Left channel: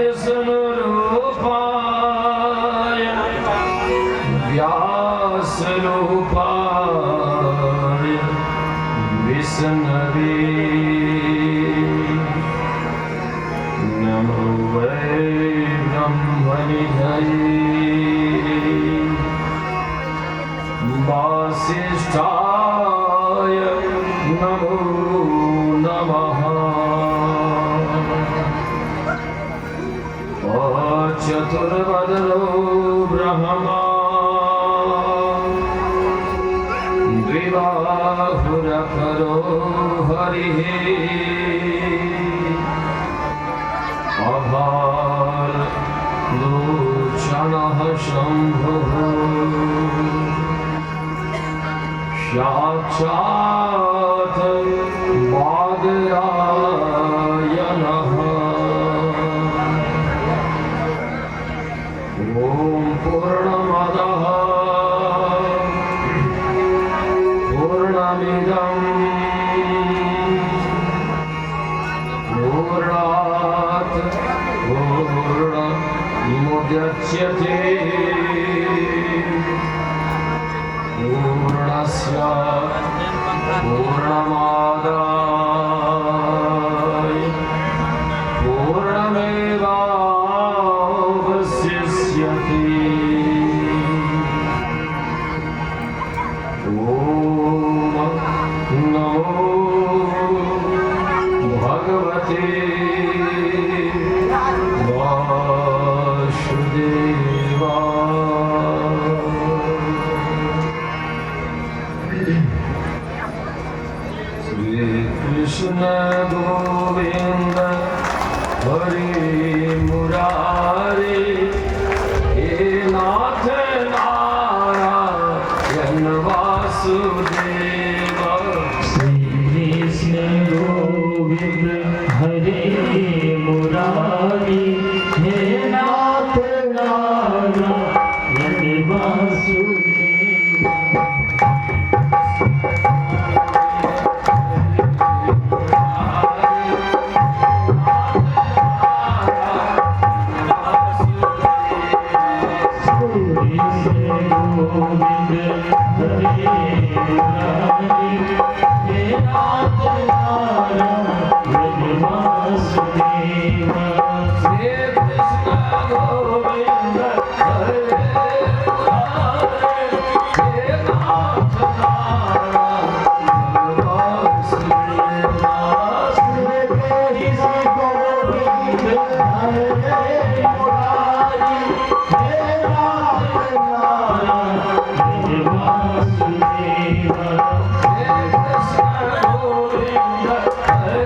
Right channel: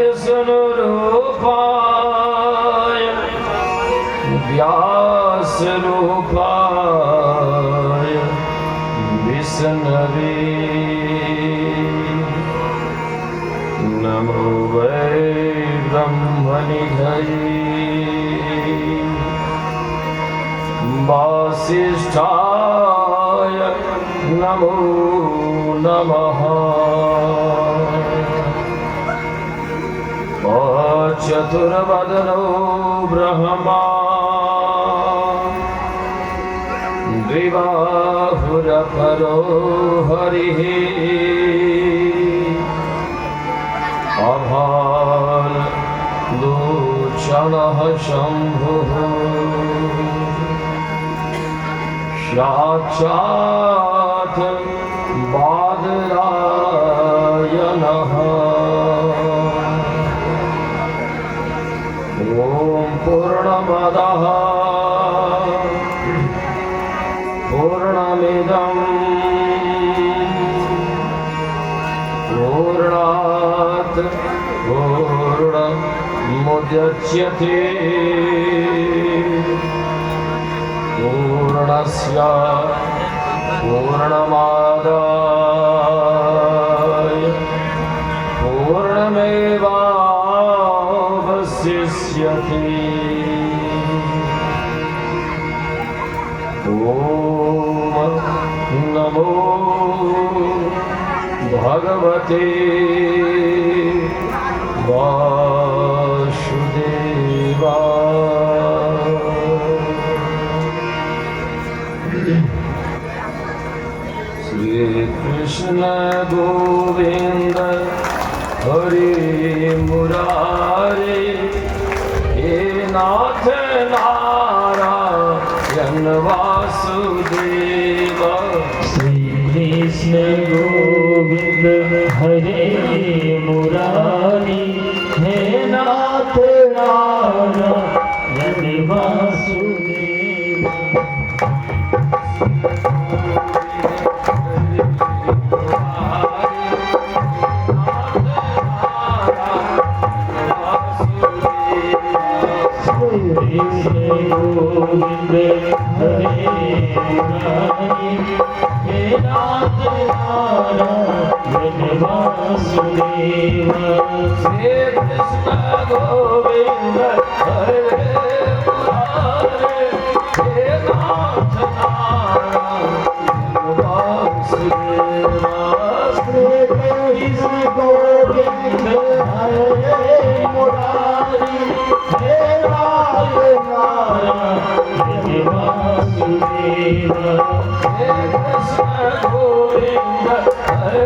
विष्णु रूपाय व्यास रूपाय विष्णवे नमो वै ब्रह्मनिधये वासिष्ठाय नमो नमः। चतुर्वदनो ब्रह्मा द्विबाहुरपरो हरिः अभालोचनः शम्भुः साक्षात् बादरायणः। ॐ पूर्णमदः पूर्णमिदं पूर्णात् पूर्णमुदच्यते पूर्णस्य पूर्णमादाय पूर्णमेवावशिष्यते। ॐ नमो भगवते वासुदेवाय। श्री कृष्ण गोविंद हरे मुरारे हे नाथ नारायण वासुदेव। श्री कृष्ण गोविंद हरे मुरारी हे नाथ नारायण वासुदेव। गोविंद हरे मुरारी हे नाथ नारायण वासुदेव। श्री कृष्ण गोविंद हरे मुरारे हे नाथ नारायण वासुदेव। श्री कृष्ण गोविंद हरे मुरारी हे नाथ नारायण वासुदेव। हे कृष्ण गोविंद हरे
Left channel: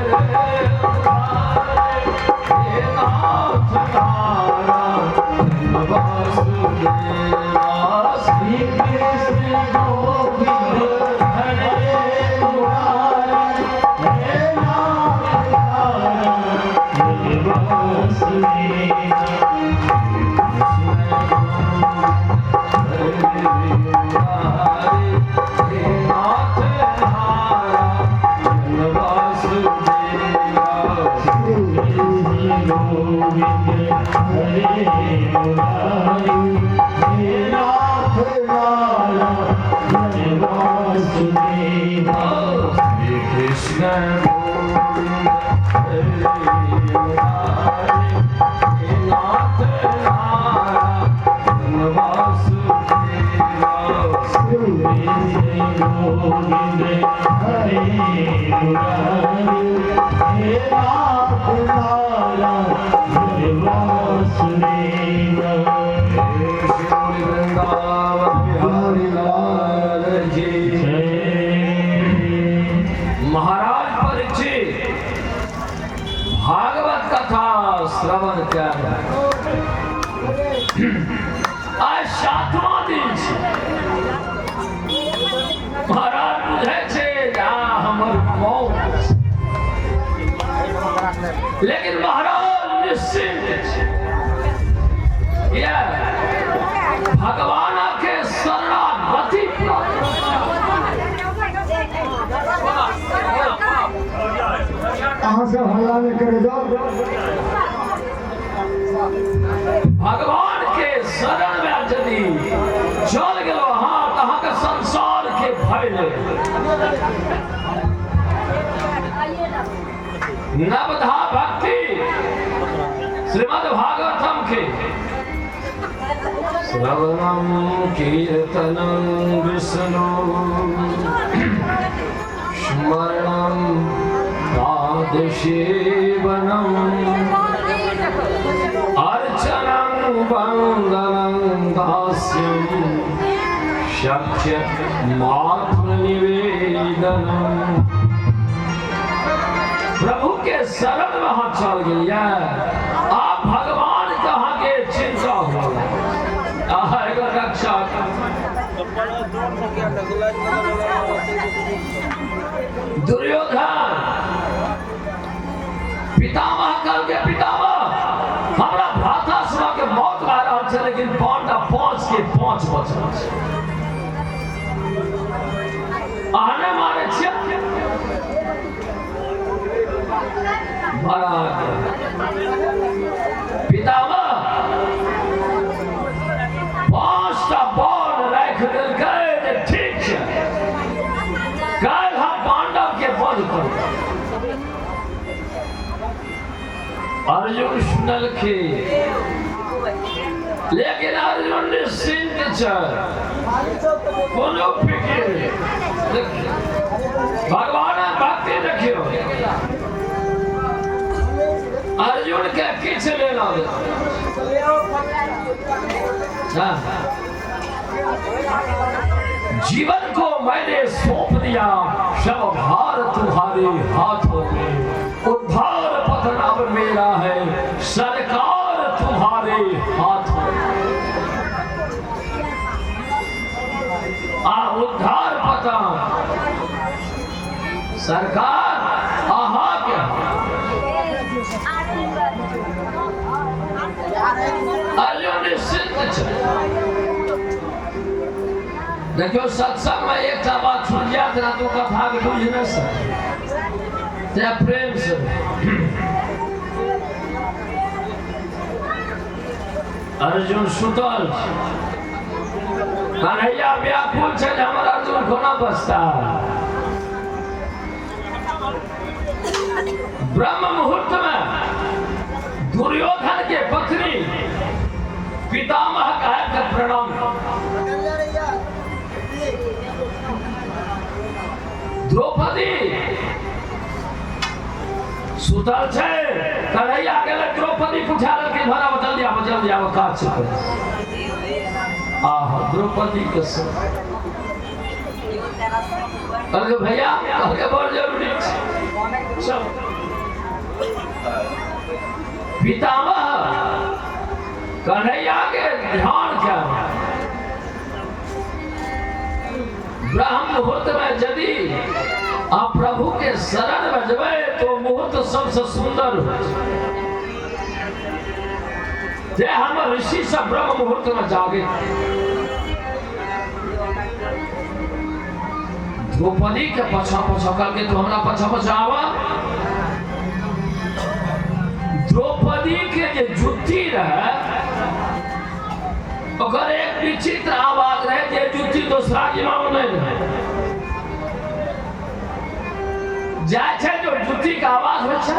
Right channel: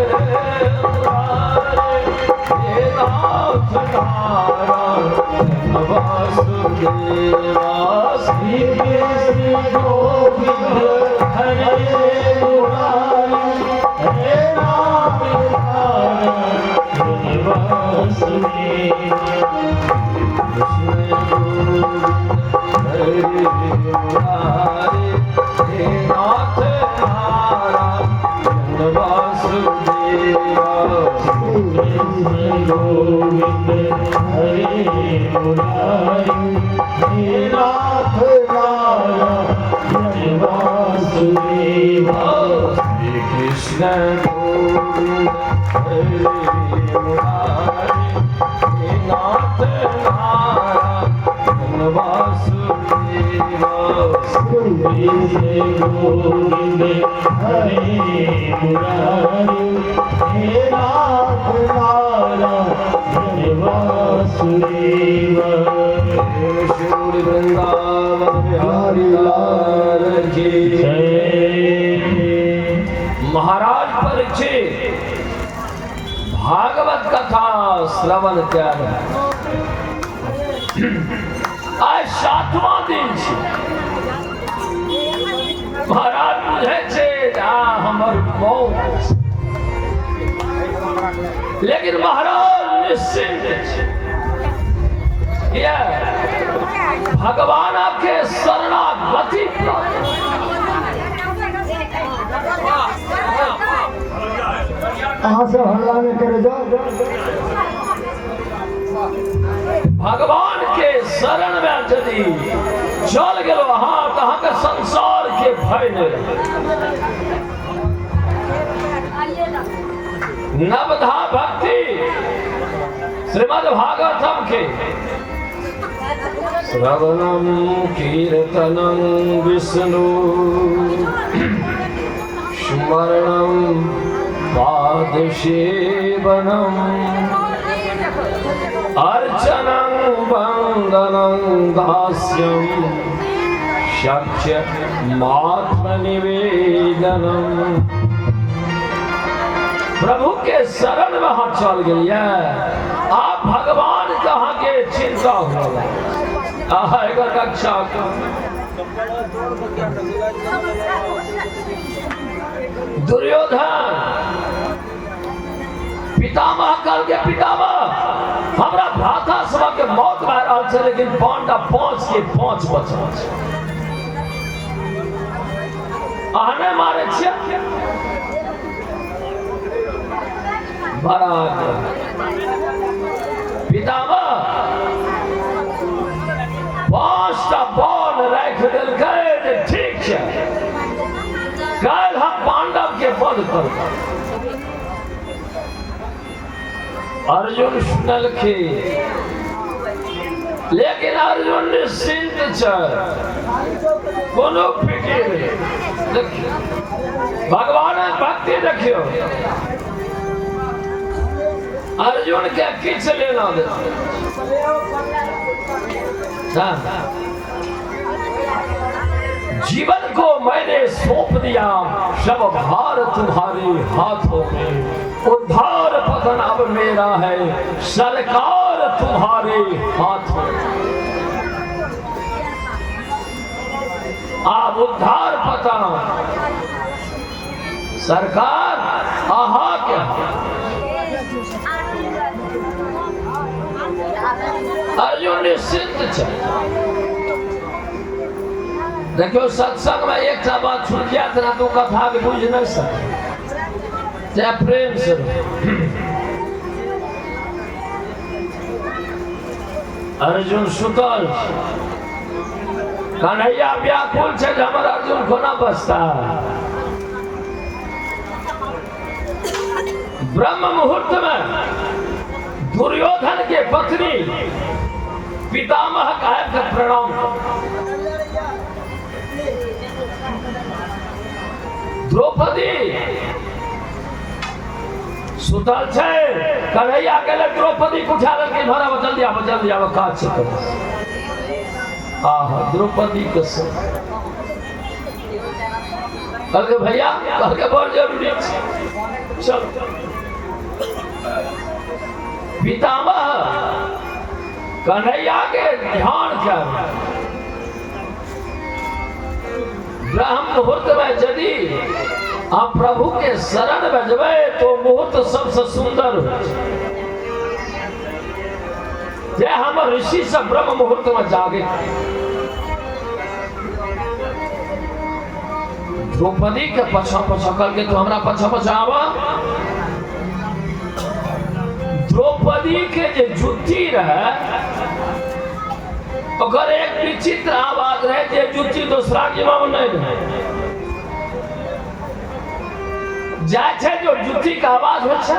मुरारे हे नाथ नारायण वासुदेव। श्री कृष्ण गोविंद हरे मुरारी हे नाथ नारायण वासुदेव। हरे मुरारे हे नाथ नारायण वासुदेव। गोविंद हरे मुरारी हे नाथ नारायण वासुदेव। श्री कृष्ण गोविंद हरे मुरारे हे नाथ नारायण वासुदेव। कृष्ण गोविंद हरे मुरारी हे नाथ नारायण वासुदेव। श्री वृंदावन बिहारी लाल की जय। महाराज परीक्षित भागवत कथा श्रवण त्याग आज 7वां दिन छे। महाराज बुझे छे हमर मौत, लेकिन महाराज निश्चिंत छे। भगवान के शरणागति प्राप्त। कहाँ से हल्ला में करे जाओ भगवान के शरण में यदि चल गेलो हाँ कहाँ के संसार के भय नवधा भक्ति श्रीमद् भागवतम के श्रवणम कीर्तनम विष्णु स्मरणम पादसेवनम अर्चनं वंदनं दास्यं सख्यमात्मनिवेदनम। प्रभु के शरण में हाथ चल गया आप भगवान कहाँ के चिंता होगा रक्षा दुर्योधन पितामह कल के पितामह हमारा भ्राता सभा के मौत मार छे लेकिन पांडव 5 के 5 बचल छे आने मारे छे बड़ा पितामह 5टा बॉल रख देलकै ठीक है कल हम पांडव के वध कर अर्जुन सुनल के लेकिन अर्जुन निश्चिंत छै कोनो फिकिर भगवान भक्ति देखियो अर्जुन के किछ लेना दे जीवन को मैंने सौंप दिया सब भार तुम्हारे हाथों में उद्धार पतन अब मेरा है सरकार तुम्हारे हाथों में आप उद्धार पतन सरकार आहा क्या अर्जुन निश्चिंत छै देखियो सत्संग में एक बात छूट जात ना तो कथा के बुझ नहीं सके जय प्रेम से अर्जुन सुतल कन्हैया व्याकुल छे हमर अर्जुन कोना बचता ब्रह्म मुहूर्त में दुर्योधन के पत्नी पितामह कहे के प्रणाम द्रौपदी सुतल छे कन्हैया के लिए द्रौपदी को उठा के धरा जल्दी आवा काज छै आहा द्रौपदी के कल के भैया कल के बहुत जरूरी छै चल पितामह कन्हैया के ध्यान कर ब्रह्म मुहूर्त में यदि आप प्रभु के शरण में जबे तो मुहूर्त सबसे सुंदर हो हम ऋषि सब ब्रह्म मुहूर्त में जागे द्रौपदी के पछा पछा करके तो हमरा पछा पछा आवा द्रौपदी के जो जुत्ती रहे अगर एक विचित्र आवाज रहे जे जुत्ती दूसरा के में नहीं रहे जाय छे जो जुत्ती का आवाज हो छे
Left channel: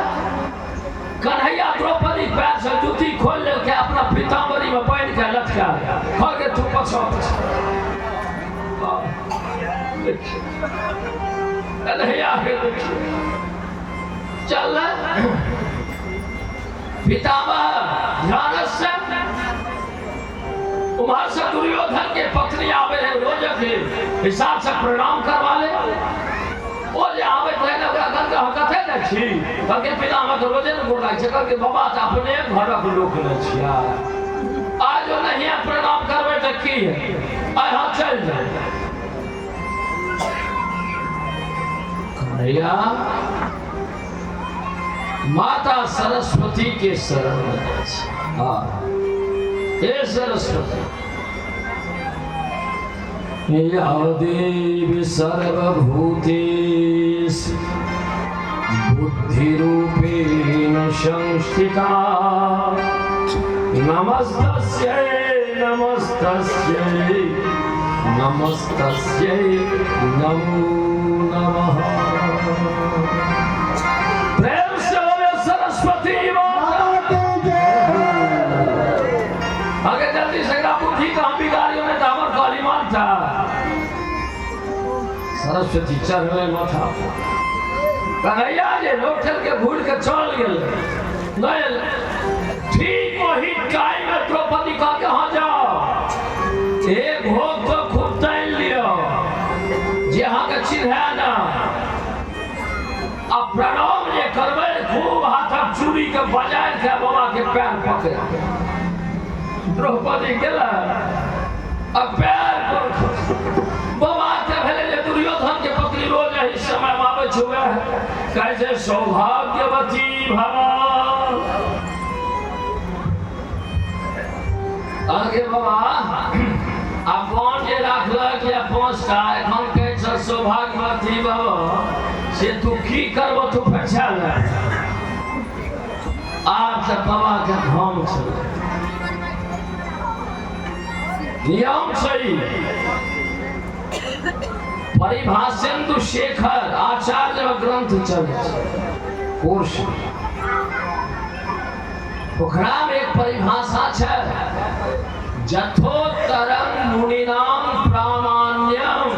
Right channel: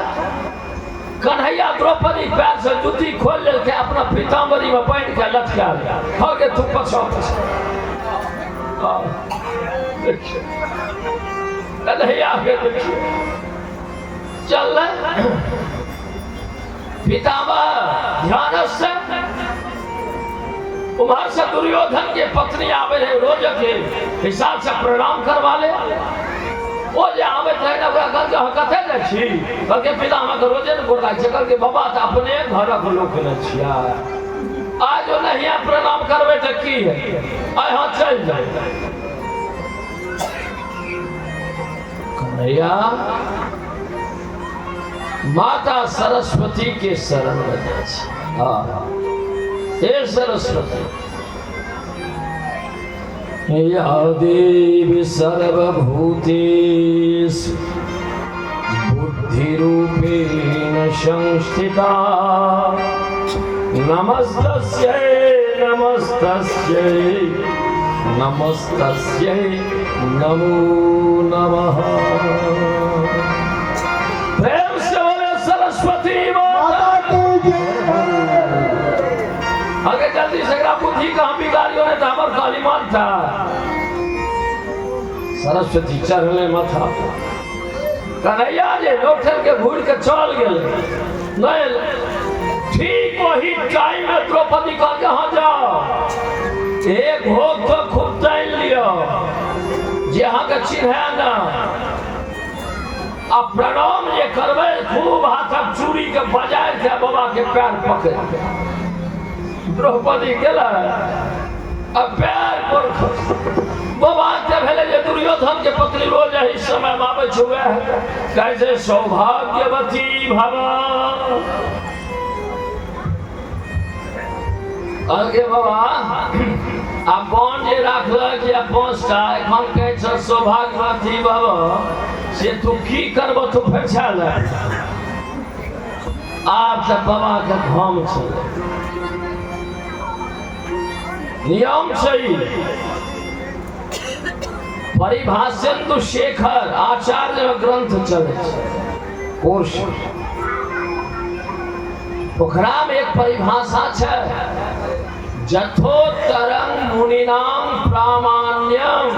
कन्हैया द्रौपदी पैर से जुत्ती खोल ले के अपना पीतांबरी में पहन के लटका दिया खा के तू पछा कन्हैया के देखिए चल पितामह ध्यान से उमर से दुर्योधन के पत्नी आवे है रोज के हिसाब से प्रणाम करवा ले ओ जे आवे तो ना ओकरा घर के कथे देखी घर के पितामह के रोजे न गोड़ा चकर के बाबा त अपने घर के लोक न छिया आज नहीं प्रणाम करबे त की है आय हां चल जाए कन्हैया माता सरस्वती के शरण में जाए हाँ हे सरस्वती या देवी सर्वभूतेषु बुद्धिरूपेण संस्थिता नमस्तस्यै नमस्तस्यै नमस्तस्यै नमो नमः। प्रेम से बोले सरस्वती माता की जय। आगे जल्दी से बुद्धि का बिगाड़ियों ने दामर काली माता सरस्वती चढ़ले माथा कन्हैया जे लोठल के घूर के चल गेल ठीक वही टाइम में द्रौपदी कह के हाँ जाओ एक भोग तो खूब तैल लियो जे अहाँ के चिन्ह ना अब प्रणाम जे करबे खूब हाथक चूड़ी के बजाय के बाबा के पैर पकड़ द्रौपदी गेला अब पैर पर बाबा के भेले जे दुर्योधन के पत्नी रोज एही समय में आबै छुए कैसे सौभाग्यवती भवा आगे बाबा अब कौन जे राखलक या 5टा एखन कहै छ सौभाग्यवती भवा से तू की करब तू फैसा ले आब से बाबा के धाम छल नियम छै परिभाषेन्दु शेखर आचार्य ग्रंथ चले कोश ओकरा में एक परिभाषा है जथोत्तरं मुनिनाम प्रामाण्यम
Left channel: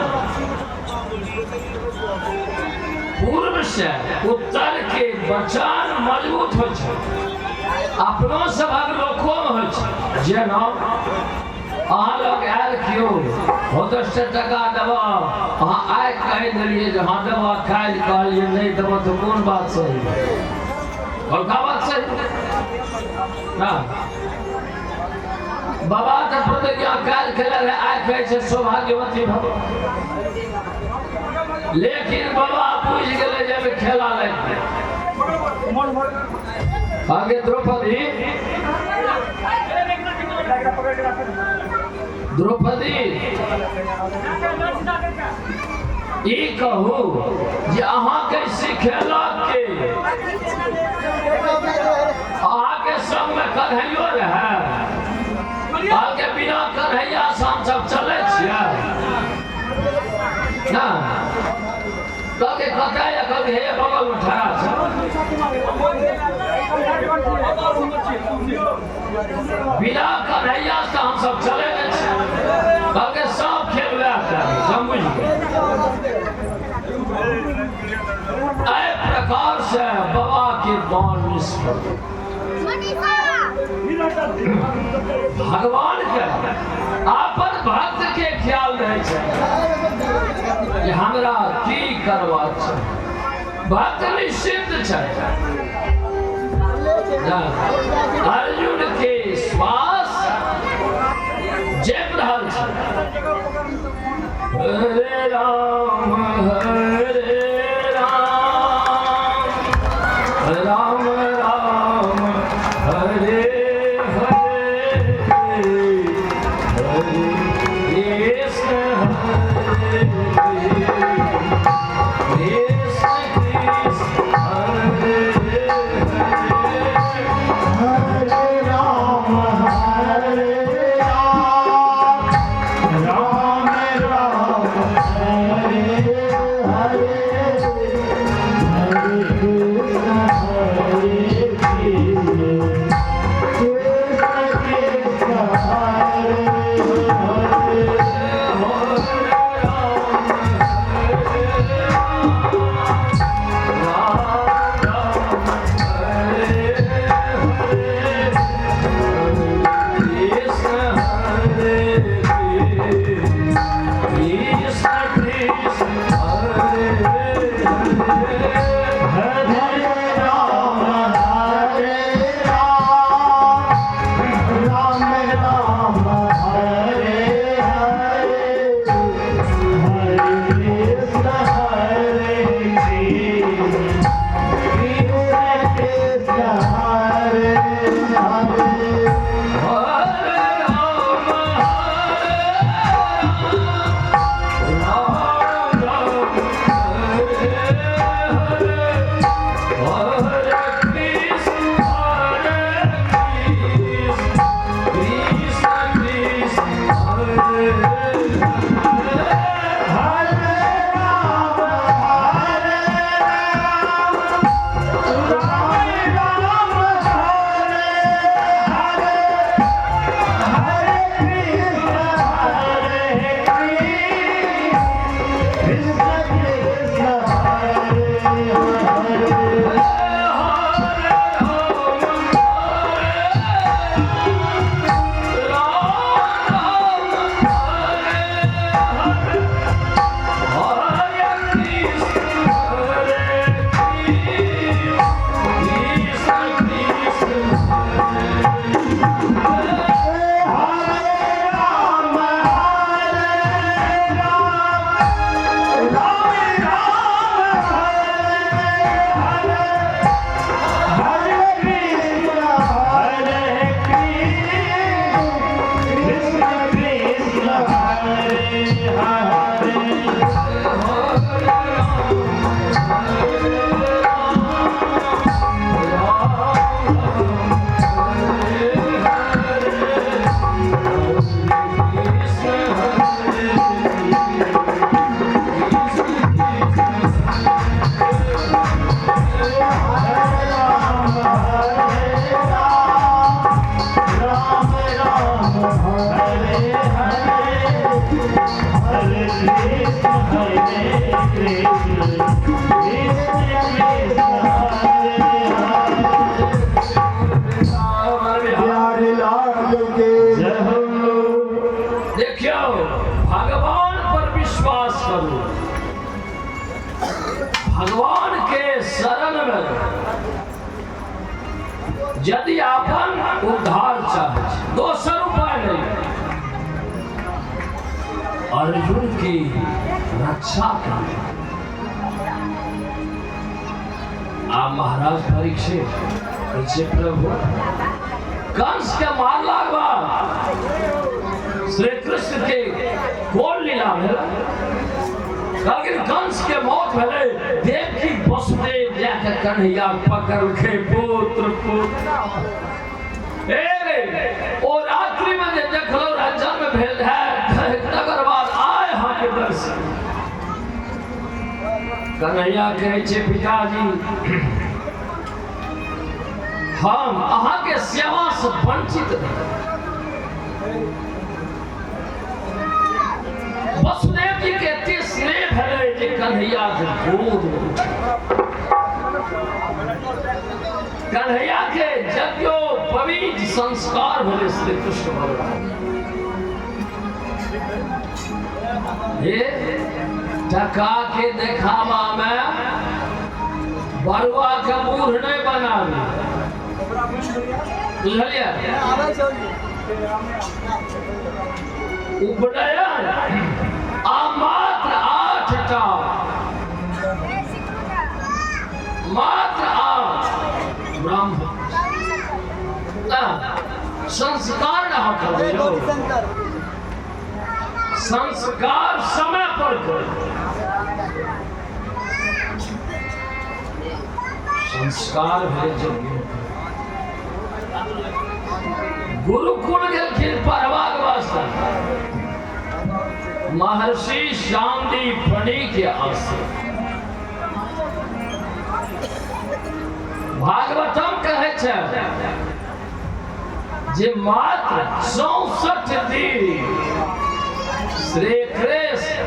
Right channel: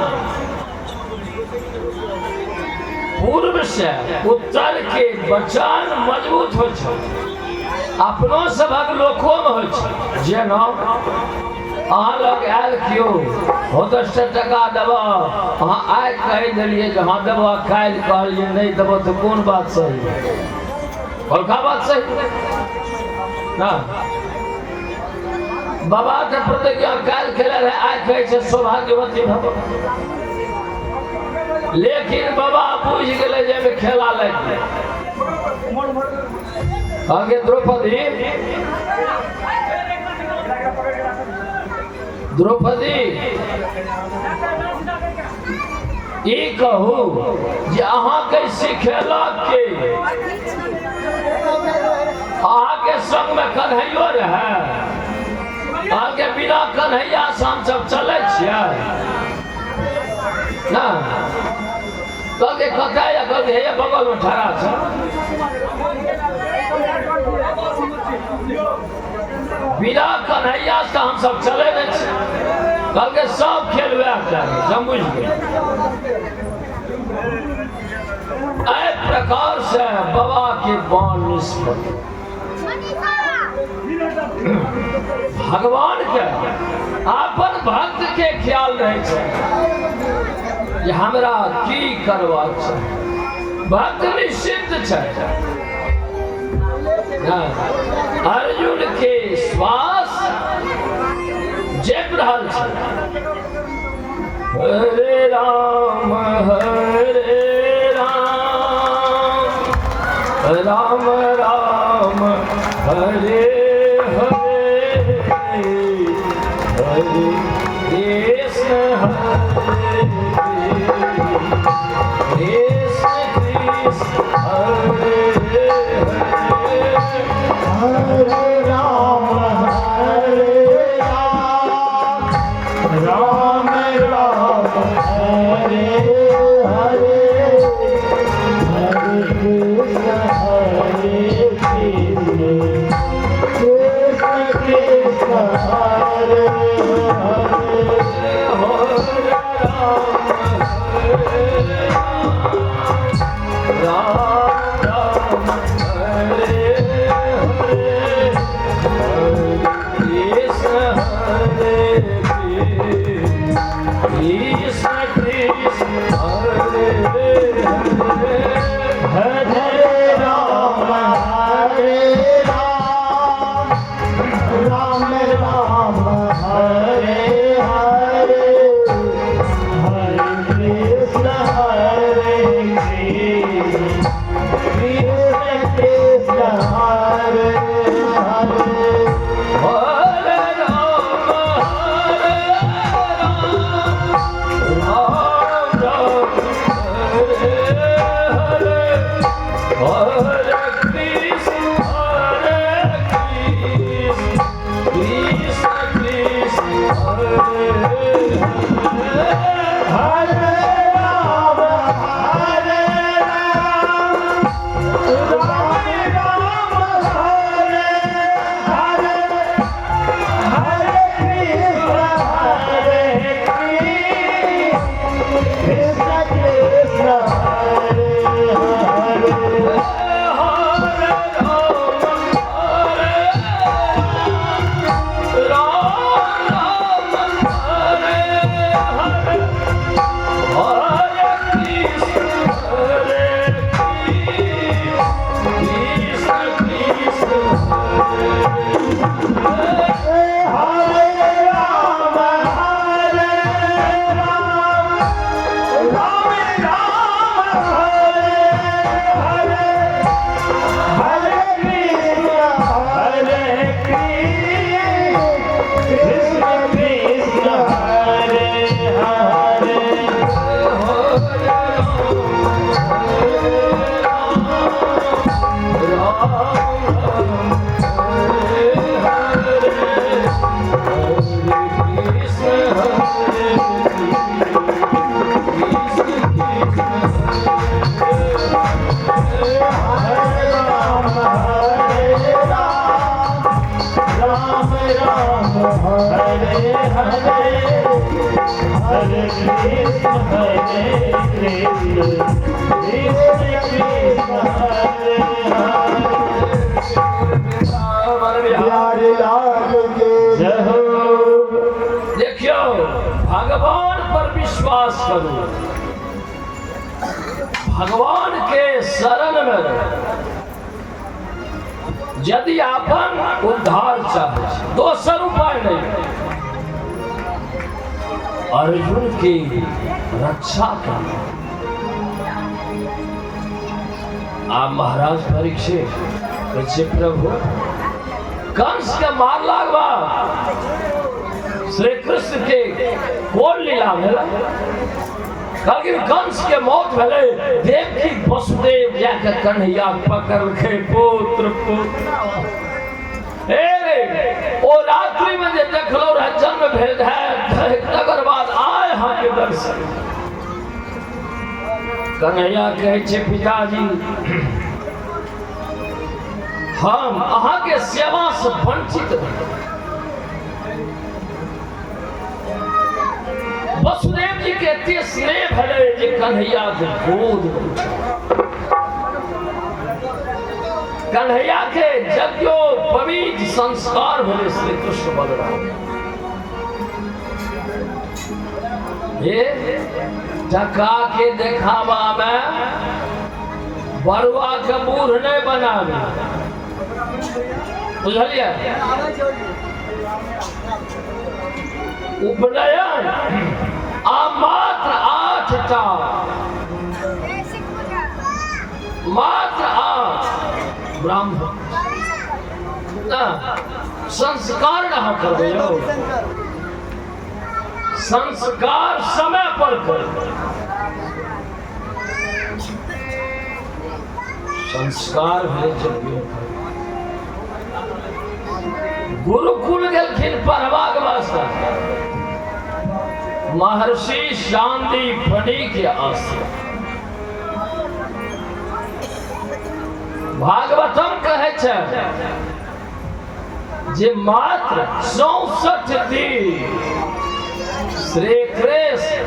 पूर्व से उत्तर के वचन मजबूत हो अपनो सभक लोको में हो जेना अहाँ लोग आयल क्यों हो 10 टका देव अहाँ आइ कह दिलिए जो हाँ देव काल्हि कहलिए नहीं देव तो कौन बात सही बड़का बात सही ना बाबा के प्रतिज्ञा काल्हि खेले रहे आइ कहे सौभाग्यवती भव लेकिन बाबा बुझ गए जे खेला लगे आगे द्रौपदी ई कहू जे अहाँ के सिखेलक के अहाँ के संग में कन्हैयो रहे कहल के बिना कन्हैया से हम सब चले छियै ना कहल के कथा या कहल के हे बगल में ठहरा छै बिना कन्हैया से हम सब चले नहीं कल के सब खेल समझ गए प्रकार से बाबा के बाण निष्फल भगवान के अपन भक्त के ख्याल रहे छै हमरा की करवा छै भक्त निश्चिंत छै अर्जुन के श्वास जप रहल छै हरे राम राम राम हरे हरे हरे कृष्ण हरे कृष्ण कृष्ण हरे हरे राम राम राम हरे हरे हरे कृष्ण हरे हरे कृष्ण कृष्ण हरे हरे प्यारे लाल के जय हो। देखियो भगवान पर विश्वास करो, भगवान के शरण में रहो। यदि अपन उद्धार चाहे, दोसर उपाय नहीं, अर्जुन की रक्षा कर। आप महाराज परीक्षित पीछे प्रभु कंस के मार लागवा श्री कृष्ण के कोल लीला भेला, लेकिन कंस के मौत भेले। देवकी वसुदेव जाके कन्हैया पकड़ के पुत्र ओ रात्रि में जे देखलो जन्म भेल है, तकर बाद आए हाँ के दर्शन। कन्हैया कहे छे पिताजी हम अहाँ के सेवा से वंचित नहीं। वसुदेव जी के एते स्नेह भेले जे कन्हैया के गोद में उठे। कन्हैया के जग्यो पवित्र संस्कार भेले श्री कृष्ण बलराम। ये टका के देखावा में बरुआ के बूढ़ नहीं बनावे, बुझलिए? उपनयन आ मात्र 8 टा, मात्र 8 ब्राह्मण संस्कार रहा करबे। संस्कार समय पर करो, संस्कार भेल यज्ञ। गुरुकुल गेलखिन पढ़बाक वास्ते, महर्षि शांतिपनि के आश्रम। भागवतम कहे छे जे मात्र 64 दिन श्री कृष्ण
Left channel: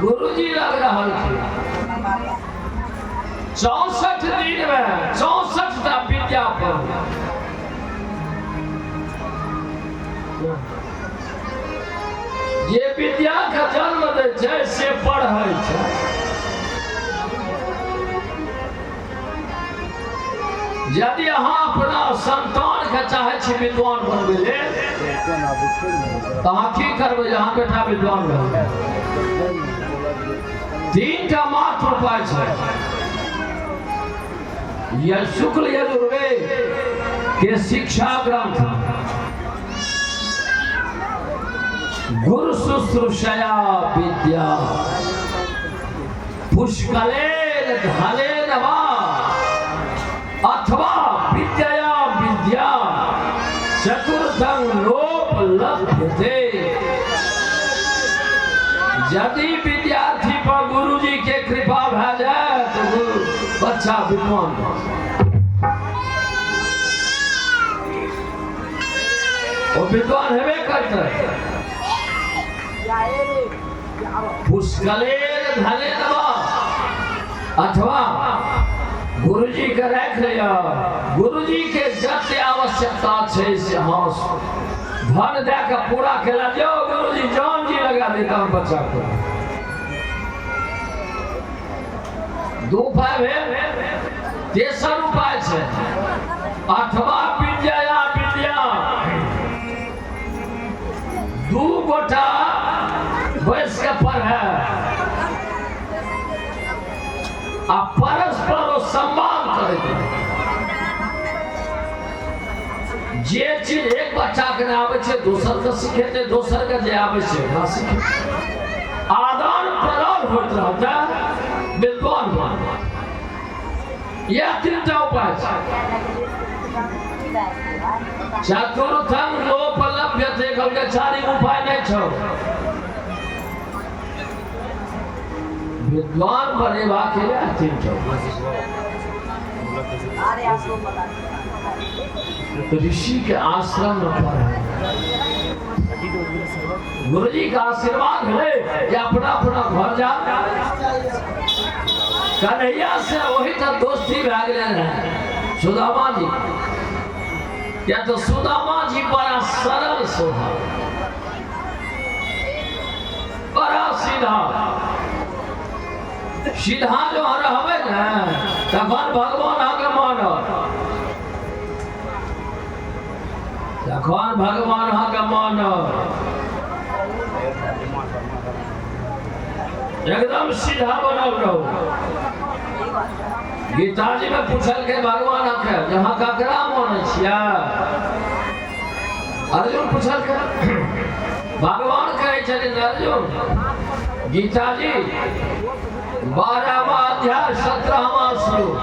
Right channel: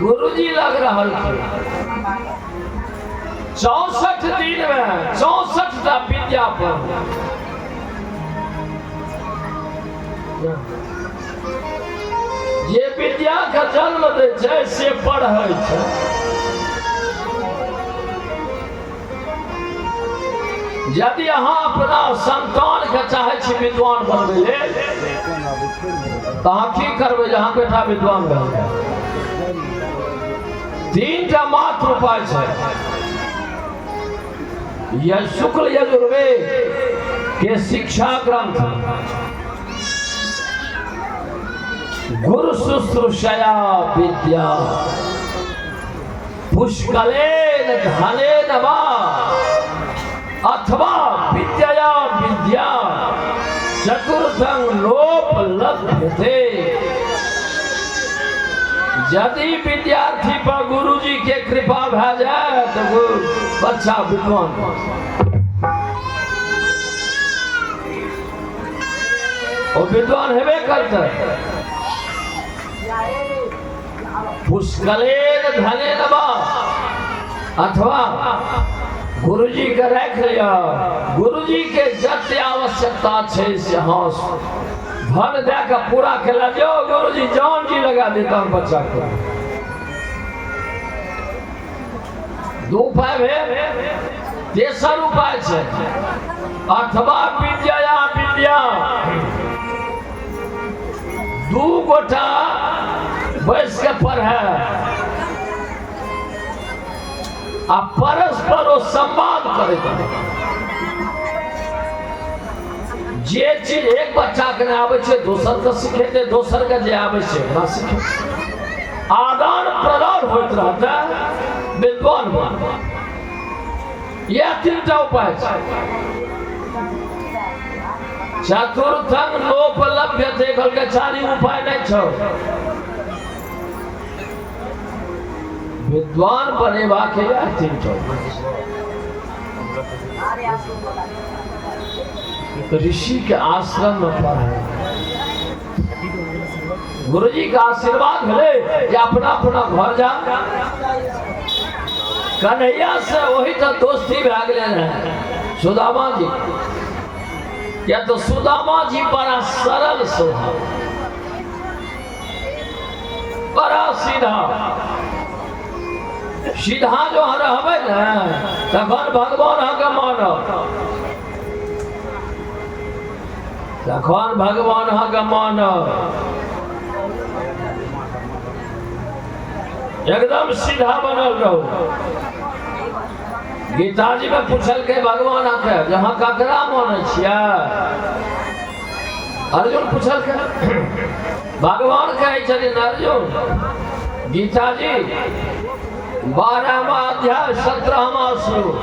गुरुजी लग रहल थे। 64 दिन में 64 टा विद्या पढ़। जे विद्या का जन्म दे छै से पढ़ै छै। यदि अहाँ अपना संतान के चाहे छी विद्वान बनबै लेल, तो अहाँ की करबै? जहाँ बेटा विद्वान बनबै 3 टा मात्र उपाय छै। यह शुक्ल यजुर्वेद के शिक्षा ग्रंथ गुरु शुश्रूषया विद्या पुष्कलेन धनेन वा अथवा विद्यया विद्या चतुर्थं नोपलभ्यते। यदि विद्यार्थी पर गुरुजी के कृपा भए जाए तो बच्चा विद्वान और विद्वान हेबे करते। पुष्कलेन धनेन वा अथवा गुरुजी के रख लिया। गुरुजी के जते आवश्यकता है से हाँ धन दे के पूरा केला दियो। गुरुजी जान जी लगा देता हूँ बच्चा को। 2 उपाय भेल। तेसर उपाय है अथवा विद्या विद्या। 2 गोटा बैस के पढ़े आ परस्पर संवाद करे। जे चीज एक बच्चा के नहीं आवे छे दोसर के सिखेते, दोसर के जे आवे छे ओकरा सिखे। आदान प्रदान होइत रहता विद्वान बन। यह 3 टा उपाय छै। चतुर्थं नोपलभ्यते कहलके 4 उपाय नहीं छौ। विद्वान बनेबा के लिए 3 टा ऋषि के आश्रम में पढ़े। गुरुजी का आशीर्वाद है कि अपना अपना घर जा। कन्हैया से वही तो दोस्ती भाग ले सुदामा जी, या तो सुदामा जी बड़ा सरल स्वभाव, बड़ा सीधा सीधा जो रहबे न तखन भगवान के मानो, तखन भगवान के मानो, एकदम सीधा बनल रहो। गीता जी में पूछल के भगवान के जहाँ ककरा माने छिया, अर्जुन पूछल के भगवान कहे छथिन अर्जुन, गीता जी 12वां अध्याय 17वां श्लोक,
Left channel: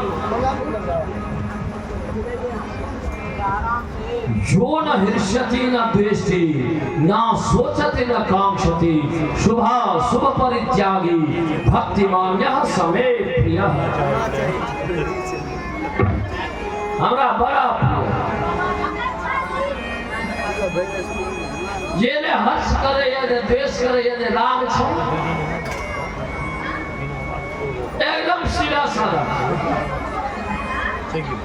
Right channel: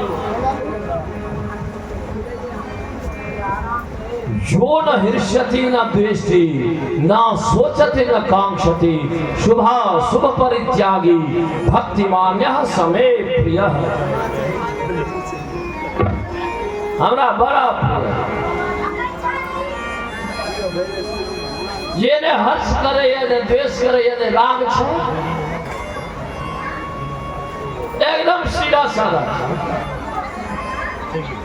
जो न हृष्यति न द्वेष्टि न सोचति न कांक्षति शुभ परित्यागी भक्तिमान्यः समे प्रियः। हमरा बड़ा ये ने हर्ष करे या ने द्वेष करे या ने राग छे, एकदम सीधा साधा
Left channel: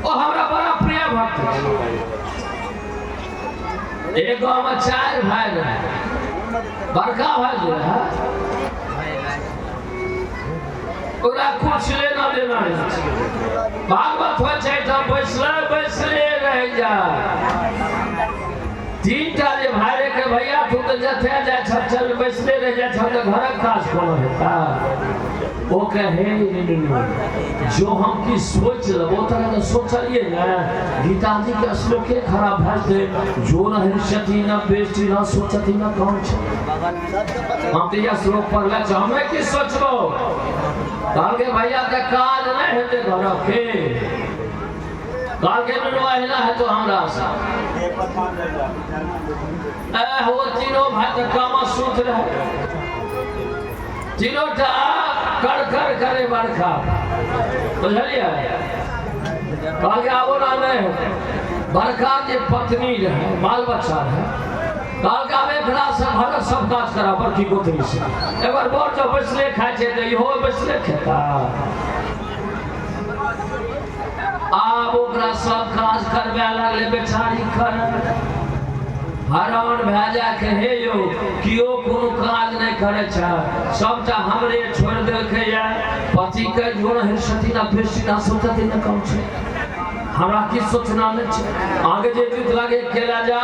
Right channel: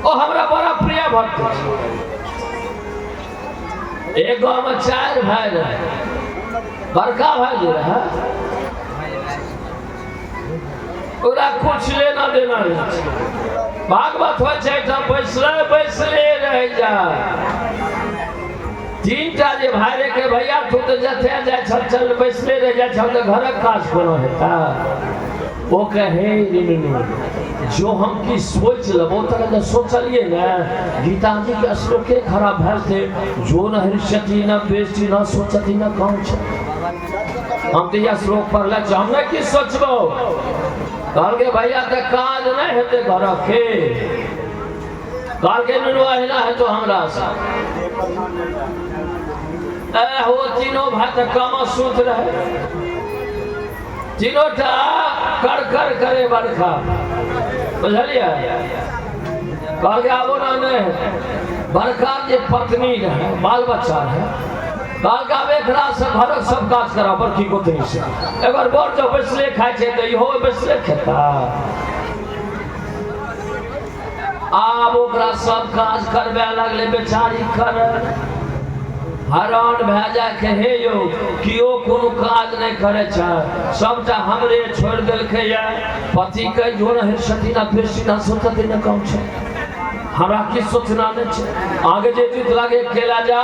ओ हमरा बड़ा प्रिय भक्त छे। एक गाँव में 4 भाई रहे, बड़का भाई जो रहे ओकरा कुछ लेना देना नहीं, भागवत हो जाए तो बैसले रह जाए। 3टा जे भाई रे के भैया तू तो जथे जाए चल बैसले रह जाए, हम तो घर काज कोनो हेता। वो कहे जो हम की सोच लेबो तरह का सोचलिए ना, गीता जी के श्लोक खराब भेज दे, जो न हृष्यति न द्वेष्टि न सोचति न कांक्षति। हम तो यह श्लोक पढ़ले हमें की सोचबो, कहल के भैया ते काज नहीं हेते घर के, कहल के नुनवाहिना है तो हमरा से वो तीनों भाई तो कम सूत रहे, तीनों टा कर करे बरखा, बुझलिए। कह गया वो में बरखा के पत्नी रहे, बाल बच्चा रहे, कहल के अब एक रात से भरत सब काज करा बड़की गोतनी से, एक बार बोर जो बैसले खाए छे तो इहो बैसले खेता। आब ओकरा सब काज करबे लगले, बेचारी करे हैरान भए जाए के हे यौ कियो कोनो काज नहीं करे छ, सबटा हमरे छोड़ देलकै या। पति के जो न हृष्यति न द्वेष्टि न सोचति न कांक्षति, हमरा की सोचना नहीं छै। आगे जे जीत लागे केला जा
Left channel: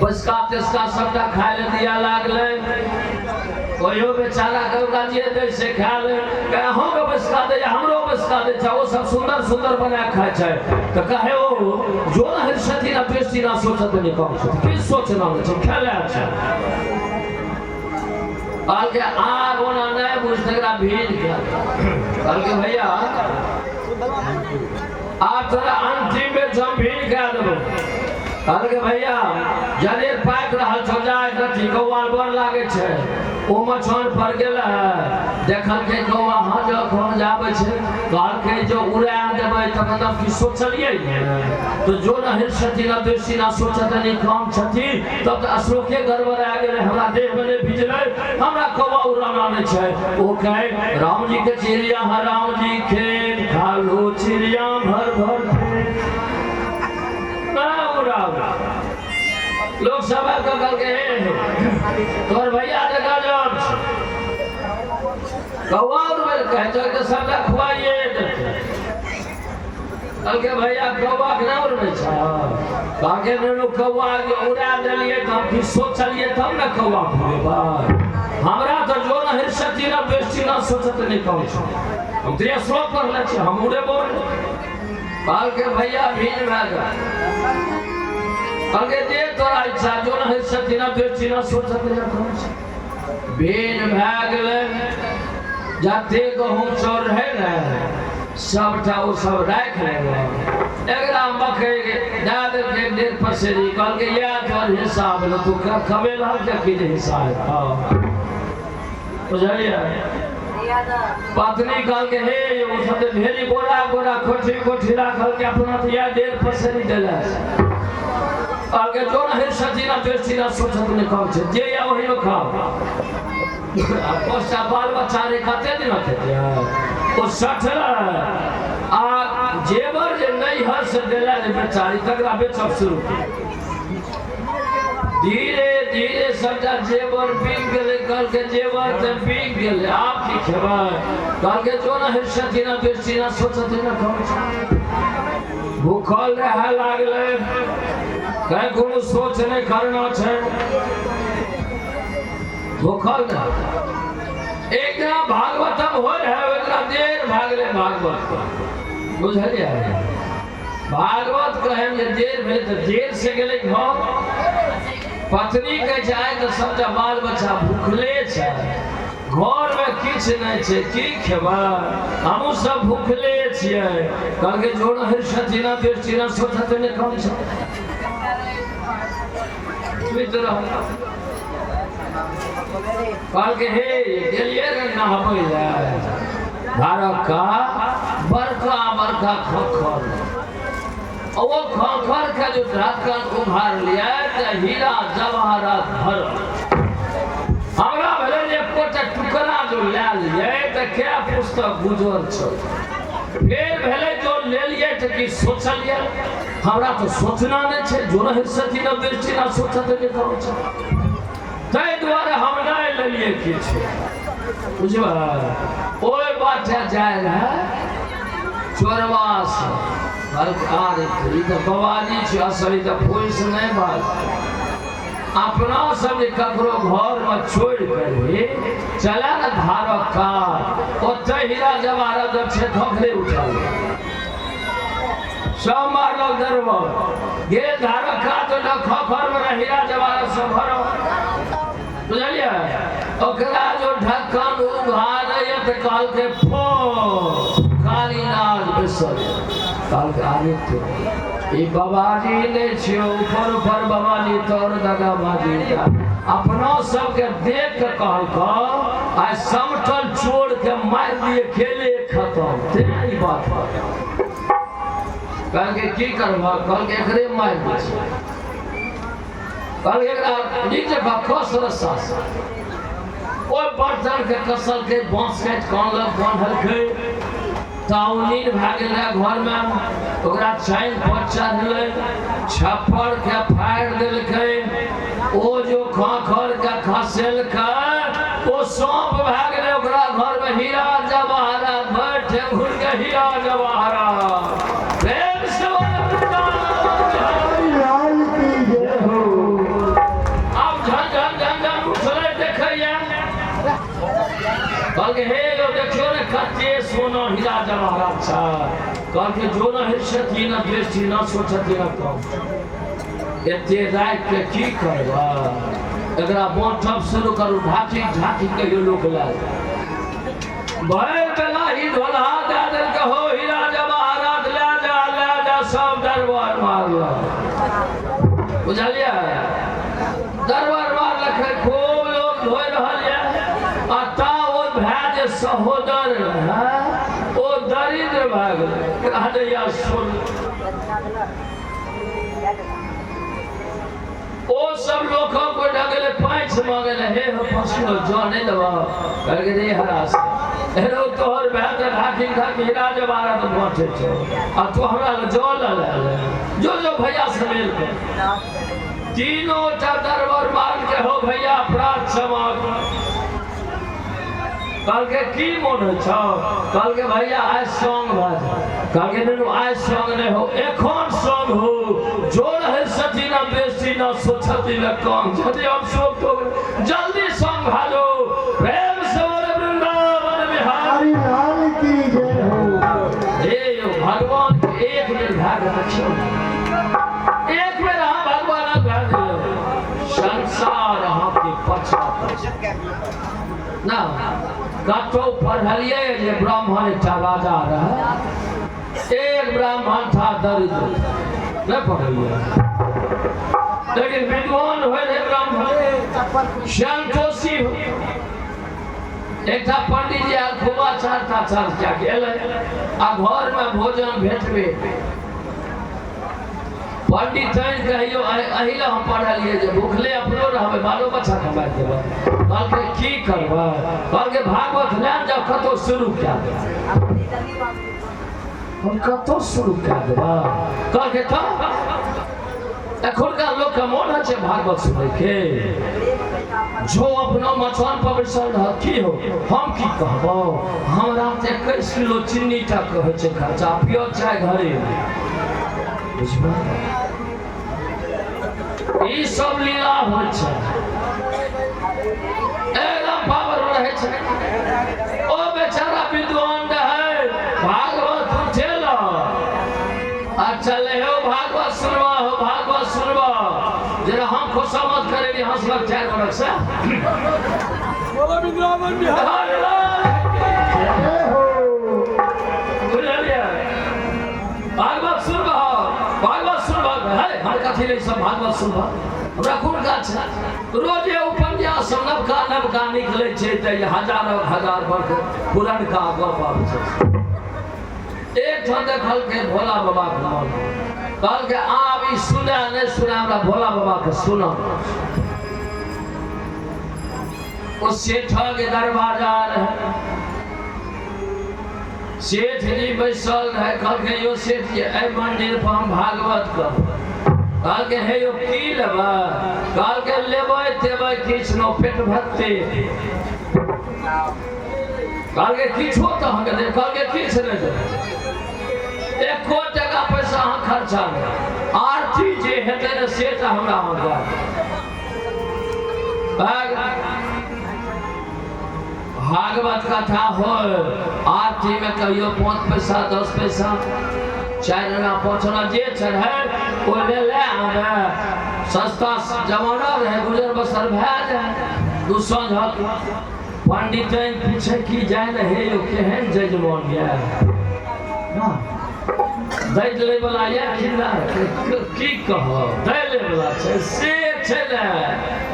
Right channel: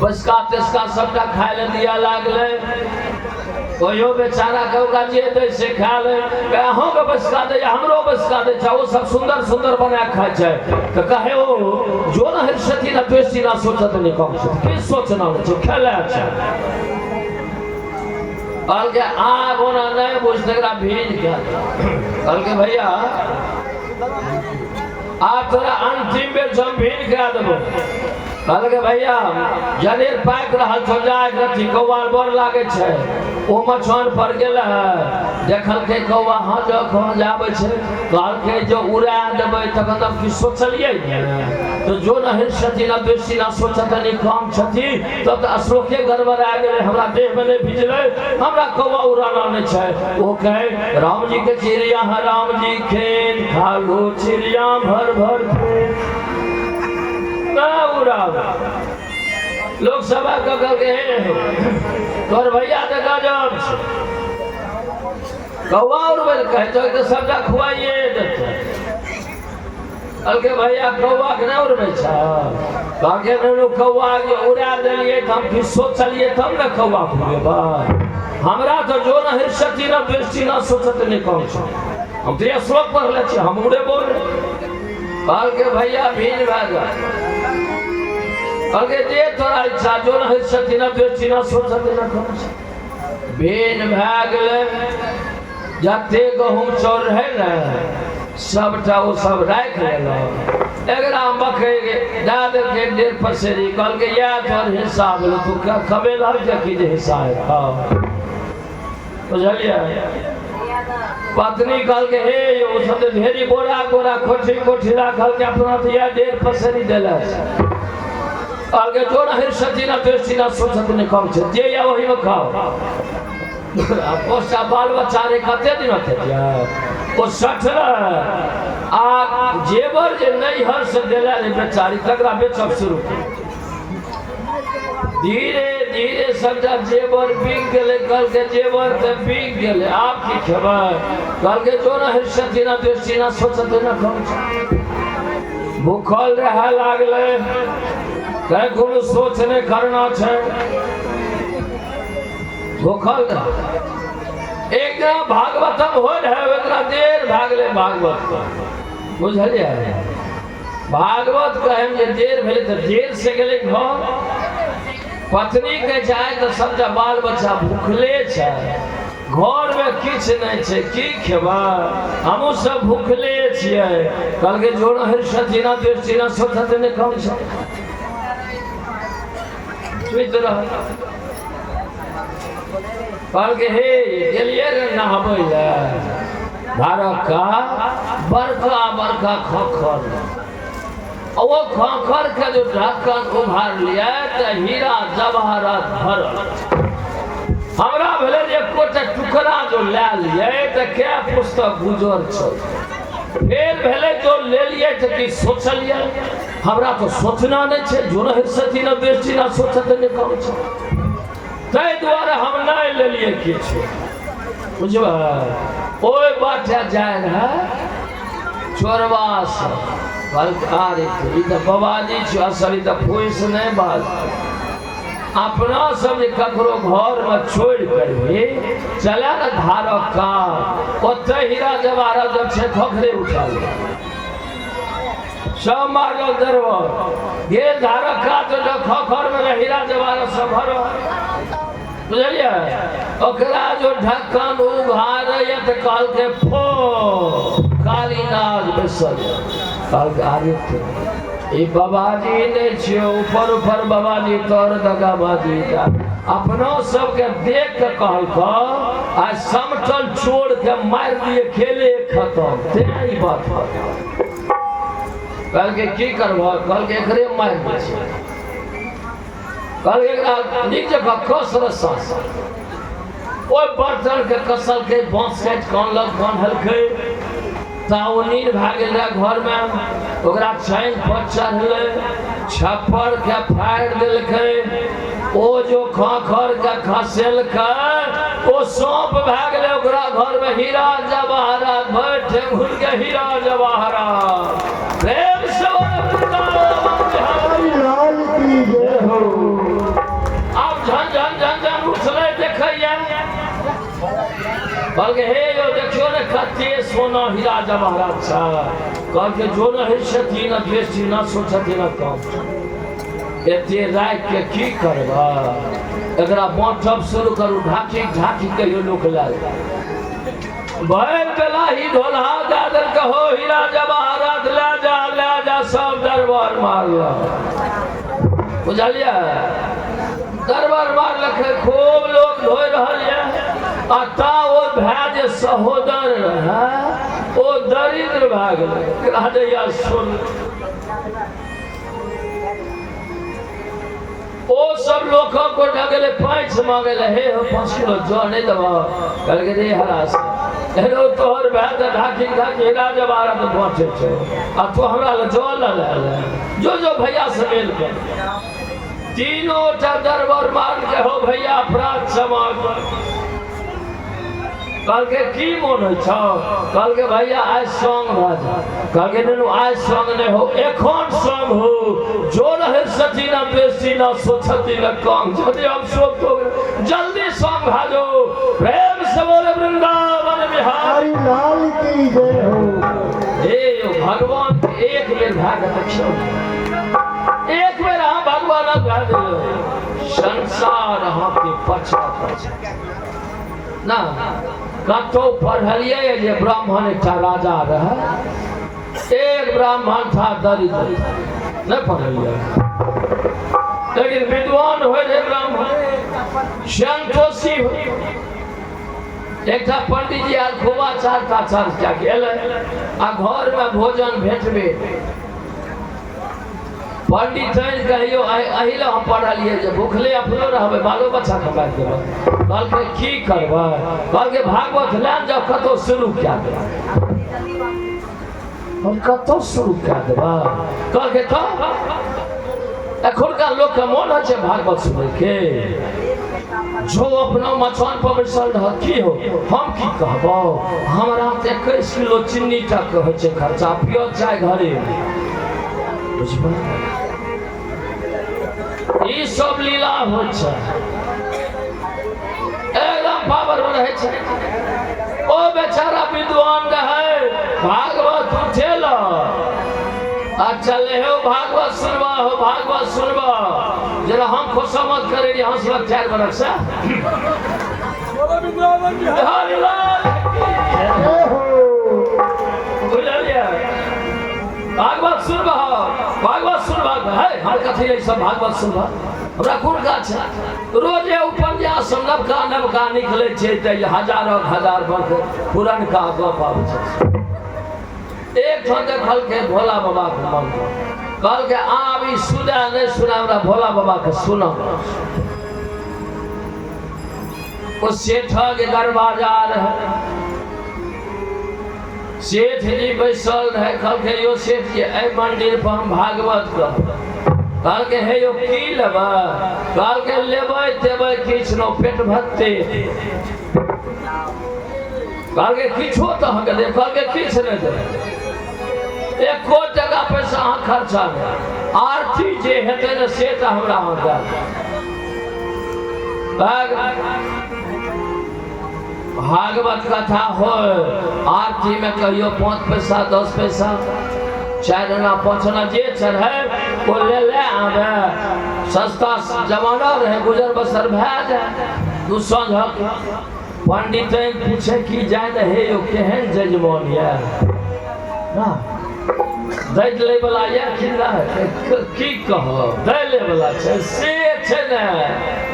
बसका तेसका सबटा खाए ले दिया लागले, ओयो बेचारा के ओकरा जे दे से खा ले, कहूं के बसका दे हमरो बसका दे छ, वो सब सुंदर सुंदर बना खाए छै। तो कहे ओ जो न हृष्यति न द्वेष्टि न सोचति न कांक्षति, की सोचना नहीं छै, खेले छै। कहल के आग ओना नहीं बुझते एकरा भीज के, कहल के भैया आप तोरा अंतिम बेर जब भीज के देबो। कहल के भैया जनेर पाक रहल छौ जाए रथी कौवाल बड़ लागे छै, ओ मछन पर गेल है, देखल के कौवा हां जो खो जावे छै, कहल के जो उड़ा देबै तखन हम की सोचलिए तो जो न हृष्यति न द्वेष्टि न सोचति न कांक्षति, तब तो श्लोके गड़बड़ा गेलै, हमरा देह में नहीं भिजलै, हमरा कौवा उड़ाना नहीं छै। ओ कहे राम जी के चिड़िया है राम जी खेत खा लो चिड़िया भर भर लोग सब कल के तोर भैया देखा जब कौवा उड़बे कहे तो सबटा खुआइए देते, कल के भैया कौवा के ना उड़बे छ, कहके नु कौवा जे उड़ा देलिए त हम की सोचलिए तब न कौवा खुएबा। हमरा तो जो न हृष्यति न द्वेष्टि न सोचति न कांक्षति, हम तो ये श्लोक पढ़ले छी, हम उड़े बोल। कल के भैया भीज भाग अगे दे तोरा इच्छा, जो न हृष्यति न द्वेष्टि न सोचति न कांक्षति। बेन भए गेलै, जते गहूँ चाउर है न सबटा वो सब राख लेना, एकरा मकई के दे देलकै 1.5 पसेरी, कहल के या तोर हिस्सा भेलो, तू खबे लग जकी जे हिस्सा है। बुझलिए। पत्नी कहल के हे यो सब ढेरी बोरा बोरा कोठी कोठी राखल के अपना तो या 1.5 पसेरी देला। आगे जो ना हिरसती ना बेस्ती ना सोचत ने कम छे जे या वही में खाओ अब पोसा बाल बच्चा रे खाते दिन होते ओ सठरा आ जेवर जे नहीं हर से देला रे बेचारी तकरा बेचब शुरू धीरे धीरे सबटा जेवर बिक गेले कल के जेवर ते बिक गेले आप की खबर कल के जो ना हिरसती ना बेस्ती ना सोचत ने कम छे भूखल रह लागले कहीं कोनो सोच नहीं करना है भूखल एक दिन भागवतम हो रहे इतना देर भागले भागवत बुझलिए भागवत कहे जे देर भेले तो देर से गेले घर पत्नी के जाए तो सबटा बाल बच्चा भूखले छे घर में किछ नहीं छे की खेबा हमहू सब भूखले छिए कल के जोड़ हिरसती ना बेस्ती ना सोचत ने कम छे कल के हे गेलिए नहाबै ले धारक का बड़का बड़का खखर वो खखर के जो ढक्कन उघार लिया तो हीरा जवाहरात भरल हमरा भेले जे कोटा टुकड़ा जो ले लिए तो क्या पुस्तक गुजर छ फिर भेले जो ले लिए तो की सोचलिए हमरा तो सोचना नहीं छे जो न हिरसती न बेस्ती न सोचत ने कम छे तै द्वारा हम नहीं ले लिए के छे बुझबा ओए बाटा जाय रहा चोरवास सरकार ई तो बवाली छे असली तो पोइस नहीं बात अपना सब ककरो घर में छोड़ कर चला न धारक का ओते हीरा जवाहरात जब छे खखरे उठा सब मारल दरबार ये धारक का तो खखर में हीरा जवाहरात सब भरो बुझलिए ओकरा जो ढक्कन उघार ये तो काल के फो काली नाग बेसर काल के आरे थे ई बाबाजी ने छियो ऊपर ऊपर बाबाजी तोर दगाबाजी का अपना सब के देख के कहल को आज समटल छोड़ के मार दिए खेले खत्म ते ई बात कल के की करबा कल के एकरे मार दे कल एकरा निक जगह कस रसा ओए बर्तन के कसल के बांस काट कान लग बांधल के ताउनीन भागल रहा घर में ओकरा चैन पर चढ़ले छप्पर के फाड़ दिलके ओ जो खखर के खसेल के ओ सांप भागले ओकरा घर में हीरा जवाहरात बैठे घुर के हीरा जवाहरात प्रेम से लाल की जय हो अब झन झन झन झन उछले देखैया कल के हे यो देखियो ने कते सोना हीरा जवाहरात छ कल के जो न हिरसती न बेस्ती न सोचती न कम एते रात के की करबा एकरा बांटब शुरू करू ढाकी ढाकी के यो लोक लाल भाई बेला ही ढोलहा दे दल के हो हीरा जवाहरात ले जा सब दरबार मारला बुझलिए दरबार मारलक खूब लोग धोइ रहल है अता ओ भाई जे सहोदर है ओ दरिद्र भाग गए या सुन ओ सब लोगों को ढगले पैंच मांगे हे हो 5 किलो जो नहीं दबा करके रे हरास हेरो तोहर भाई ढाकी ढाकी हीरा जवाहरात बांटे छो आ तू हमरा ले जो ले जो भैया से मिल कर तीनों टा दरबार मार के हो भैया अपराध क्षमा कल के की मन छ कल के भैया आज सॉन्ग बाज कल के ननु आज सॉन्ग नहीं हो एखन सॉन्ग हो जो रहे सती ना बेस्ती ना सोचती ना कम जदि हम सब तो जल्दी सॉन्ग भाजो प्रेम से बोले वृंदावन बिहारी लाल की जय हो हे भगवान के एक बेर भाग रखो एक बेर हम भगवान भाग संसार हम के पछा ना कतो पढ़लिए जे ब्राह्मण एक राजा रहा एक ब्राह्मण था दरिद्र नहीं पढ़लिए लेकिन विद्वान हुए ब्राह्मण संतोषी एक पंडित जी आर खूबा चर्चा गेल आ घर में भोजन भेटबे पंडित कहियो अही ला हम पढ़लिए जे भूखले अपनो रहबे बालो बच्चा कमा देबै कहल के की करबै कहल के भागवत ले जाओ कतो शुरू क्या दे हम कतो शुरू क्या देबै कहल के तो एखुनका लोग के मोन है भागवत सुनै के जो अपना मचान पर बैसल रह की हो हम की कहबो हमरा 21 किलो चीनी तक होइ छै खर्चा पियो चाय घरे बुझबै ई सब लीला होइ छै एकदम पावर रहे छै ओ बेचारा विद्वान रहे भागवत उठेल आ चले हो भागवत सुनबा जरा हम खुशामद करे रही हंसलक 4 बरस से भागवत सुनबा है हम कथी ले सब भागवत सुनबा हमरा कोन काज छै रोजे उपन्यास नवका निकले छै त हजार वर्ष पुरनका गप आबै छै एक ठाम देखल के भोला बाबा के मन कहल के आब ई सुने नहीं सुने हमरा भोला बाबा के सुना उस सेठ के दरवाजा रहे सेठ जी बैसल रहे कहल के यो सेठ जी ए मंदिर पर हम भागवत कर कहल के हे यो की लेबै कहल के लेबै देबै किछ न पेट भरते कहल के किछो तो हम के कहल के किछ नहीं देबै एको टका पैसा अहाँ खर्चा नहीं आरती जे हेतै ने से तऽ हमरा अहाँ भागवत कथा हो आरती में कहियो 5 पैसा 10 पैसा 4 आना 5 आना जे चढ़े वो ले आवे सस्ता जमाना रहे गुजर बसर भए जाए दू संझक पंडित पूछे की जाए हे यो केहन जजमान ये ना दैत ले वाला ये किला की कह दै ले वाला छै से छै ने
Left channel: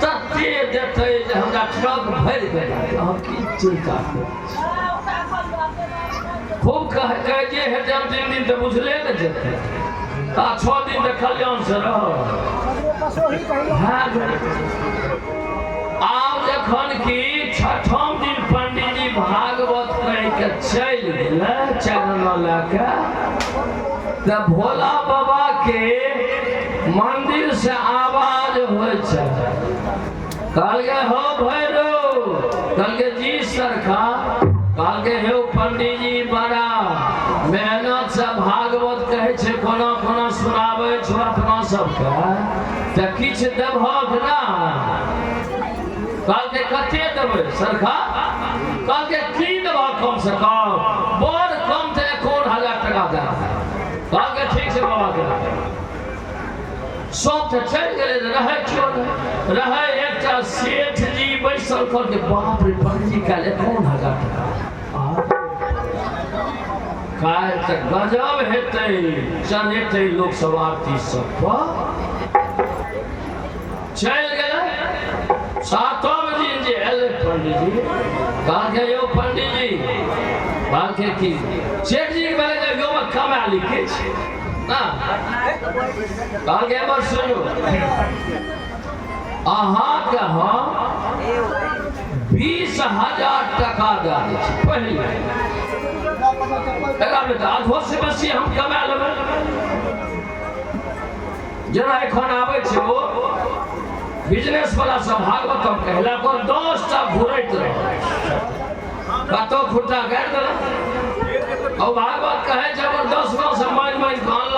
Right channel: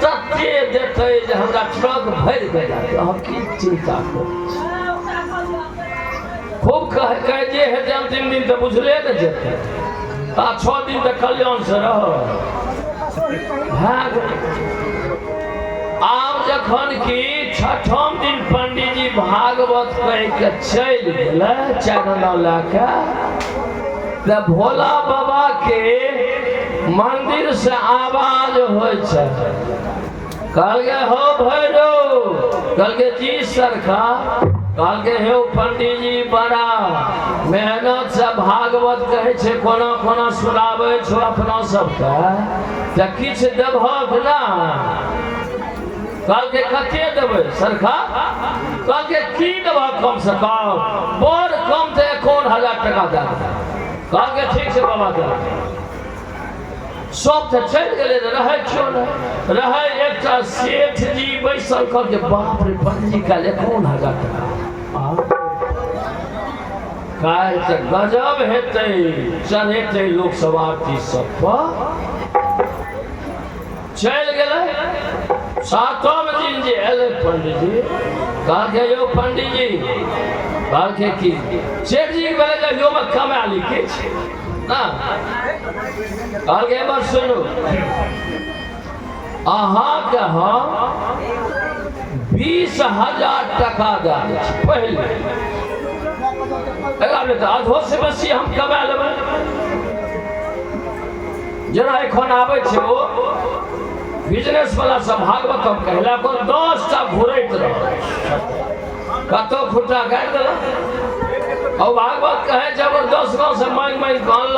तते देतै जे हमरा ट्रक भरि गेल हम की चिंता करै खूब कह जे है जब 3 दिन तऽ बुझले ने जेतै आ 6 दिन तऽ कल्याण से रह आब जखन की 6ठम दिन पंडित जी भागवत कह के चलि गेलै चैनल लए के भोला बाबा के मंदिर से आवाज हो कहल के हो भैरो कहल के जी सरकार कहल के हे पंडित जी बड़ा मेहनत से भागवत कहे छे कोना कोना सुनाबे छो अपना सबके त किछ देबहक ना कहल के कते देबै सरकार कहल के की देबा कम से कम बड़ कम ते 1000 टका दे कहल के ठीक छै बाबा के सब तऽ चलि गेलै रहे क्यों नहीं रहे एकटा सेठ जी बैसल कर के बाप रे पंडित जी काल 1000 टका काल तऽ गजब हेतै चढ़ेतै लोक सब आरती सब पर चलि गेलै 7म दिन जे एलै पंडित जी कहल के यौ पंडित जी कहल के की सेठ जी बोले जे यो में कमा लिखे छै ना कहल के बस सुनू अहाँ के हम 20,000 टका दे दै छी पहले एकरा तऽ आधो से बेसी हम कमा लेबै जेना एखन आबै छै ओ बिजनेस वाला सब भागवत कहला को 10 टा घुरैत रह कतो खुट्टा काटि देलक और भागवत कहे जबरदस्त गाँव से मांग कानल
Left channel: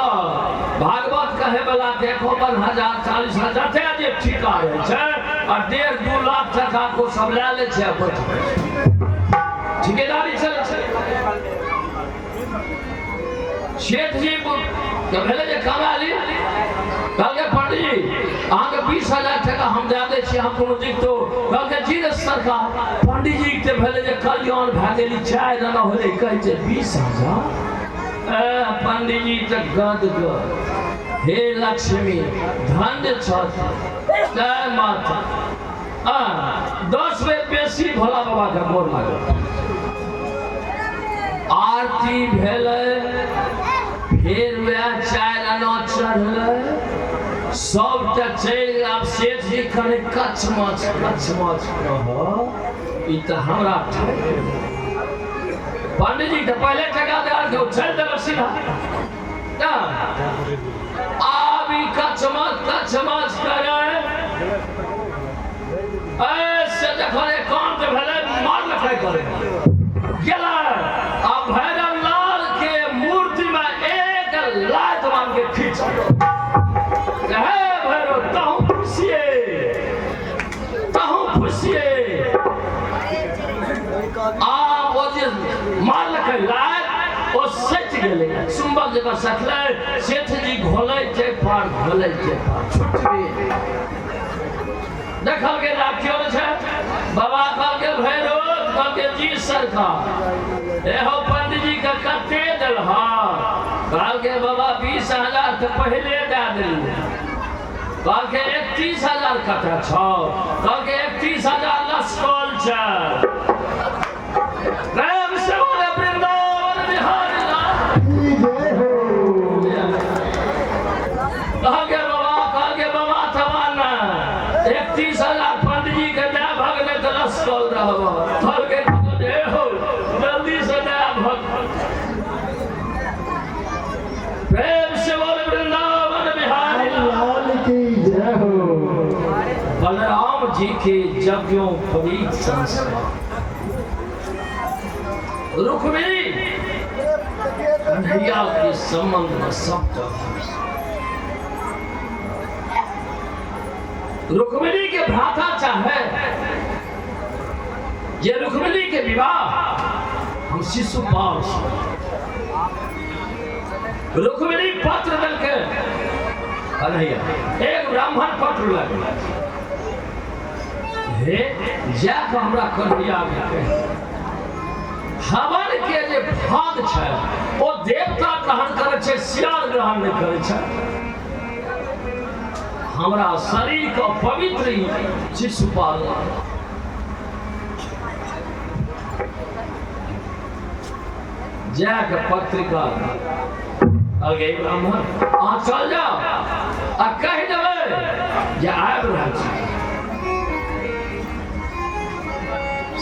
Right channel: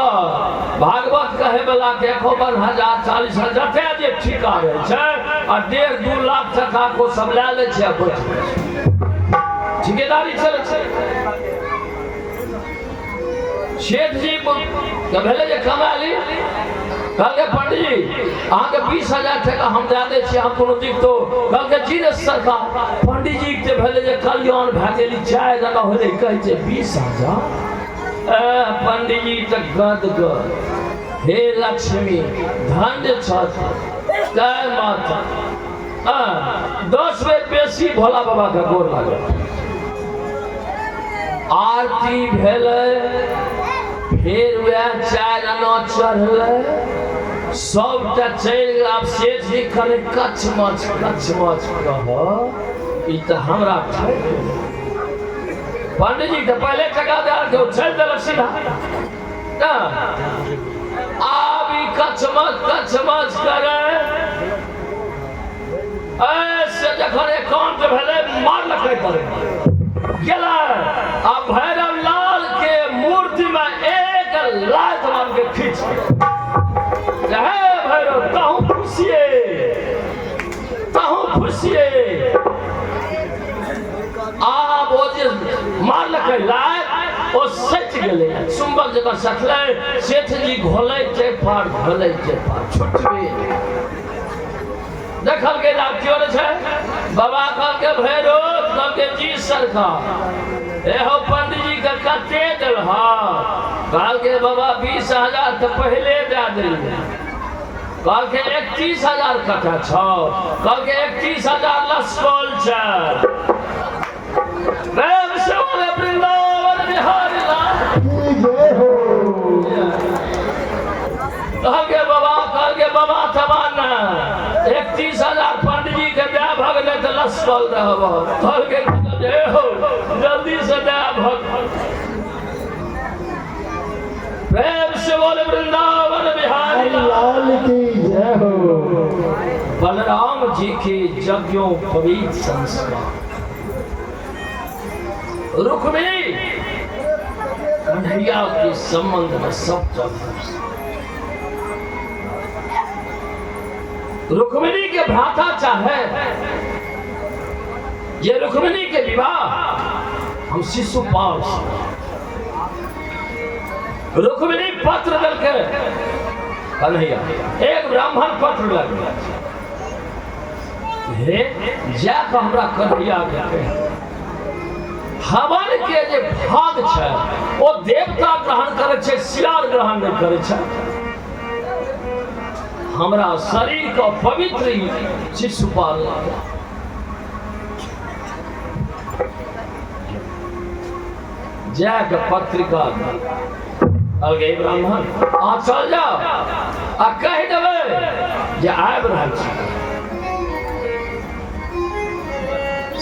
भागवत कहे वाला के 51,000 40,000 जे ठिका रहे छै और 1.5-2 लाख टका को सब ले ले छै ठिकेदारी चले छै सेठ जी के भेले जे कमा ली कहल के पंडित जी अहाँ के 20,000 टका हम दे दै छी हम कोनो दिक्कतो कहल के जी ने सरकार पंडित जी के भेले जे कल्याण भए गेली 4 आना होले कहै छै 20,000 पंडित जी तऽ गदगद हे लक्ष्मी धन्य छथ जय माता 10 बेर बेसी भोला बाबा के गोर लागल आरती भेलै फिर वह 4 आना चढ़लै सबटा चलि गेल। आब सेठ जी कने कच मच कह ई त हमरा ठक पंडित जी तो पहले टका दे के चल देलक सीधा ना। अब ई कच मच करे ऐसे जखन एकांत भेले मारलक करे गेला। अब भैरव लाल के मूर्ति में एक लात मार के खींच हे भैरव तहु खुशिये। आब ओ जे मारलक लात ओ सच गेले चुंबक जकर सटले। सेठ जी घोले छै पार छुटबे देखल के ना क्यों छै। बाबा कहल के भैरव कहल के जी सरकार एहो पंडित जी के कते देल हा। कहल के बाबा 20,000 तो पहले दे देली। कहल के 31,000 कटा छौ। कहल के 31,000 लसकल छै। प्रेम से बोले वृंदावन बिहारी लाल कहल के बाबा तबाना 31,000 पंडित जी के दे भगले तो लसकल रहब। कहल के हो जल्दी से दे भग। प्रेम से बोले वृंदावन बिहारी लाल की जय हो। बलराम जी के यज्ञोपवीत संस्कार रुक्मिणी कन्हैया के संबंध में सब रुक्मिणी के भ्राता चाहे ये रुक्मिणी के विवाह हम शिशुपाल रुक्मिणी पत्र दल के कन्हैया एक ब्राह्मण पत्र लगे हे जाके हमरा कन्हैया के हवन के जे भाग छै ओ देवता ग्रहण करे छै सियार ग्रहण नहीं करे छै। हमरा शरीर का पवित्र शिशुपाल जाके पत्रिका अलगे ब्राह्मण आ चल जाओ आ कह देवे जे आबि रहल छी।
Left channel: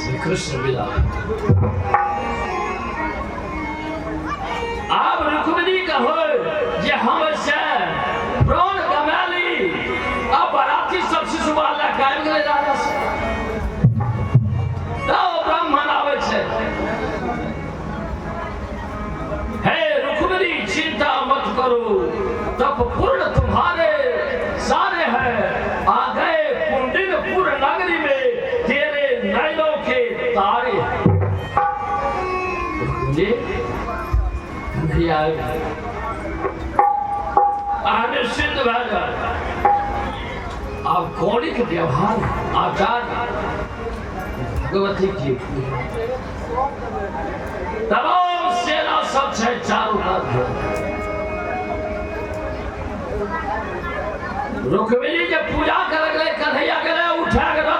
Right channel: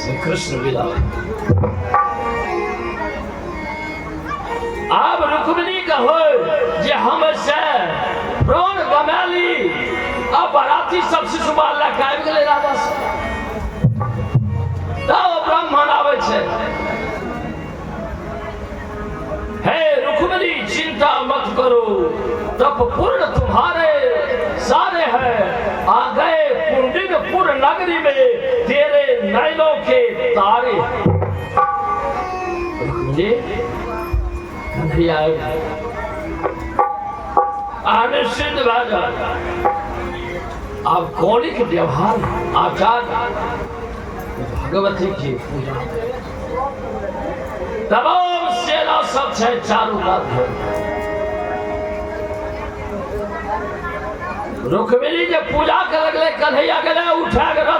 श्री कृष्ण विदा अब रुक्मिणी का हो जे हम से प्राण गमाली। अब बराती सब शिशुपाल लग आबि गेलै राजा से तब ब्राह्मण आबै छै हे रुक्मिणी चिंता मत करो तब पूर्ण तुम्हारे सारे हैं। आ गए कुंडिनपुर नगरी में तेरे नैनों के तारे। रुक्मिणी कन्हैया आने सिद्ध राजा अब कौड़ी के व्यवहार आचार भगवती की पूजा तमाम सेना सब छै चारों कात। रुक्मिणी जे पूजा कर लगले कन्हैया गेले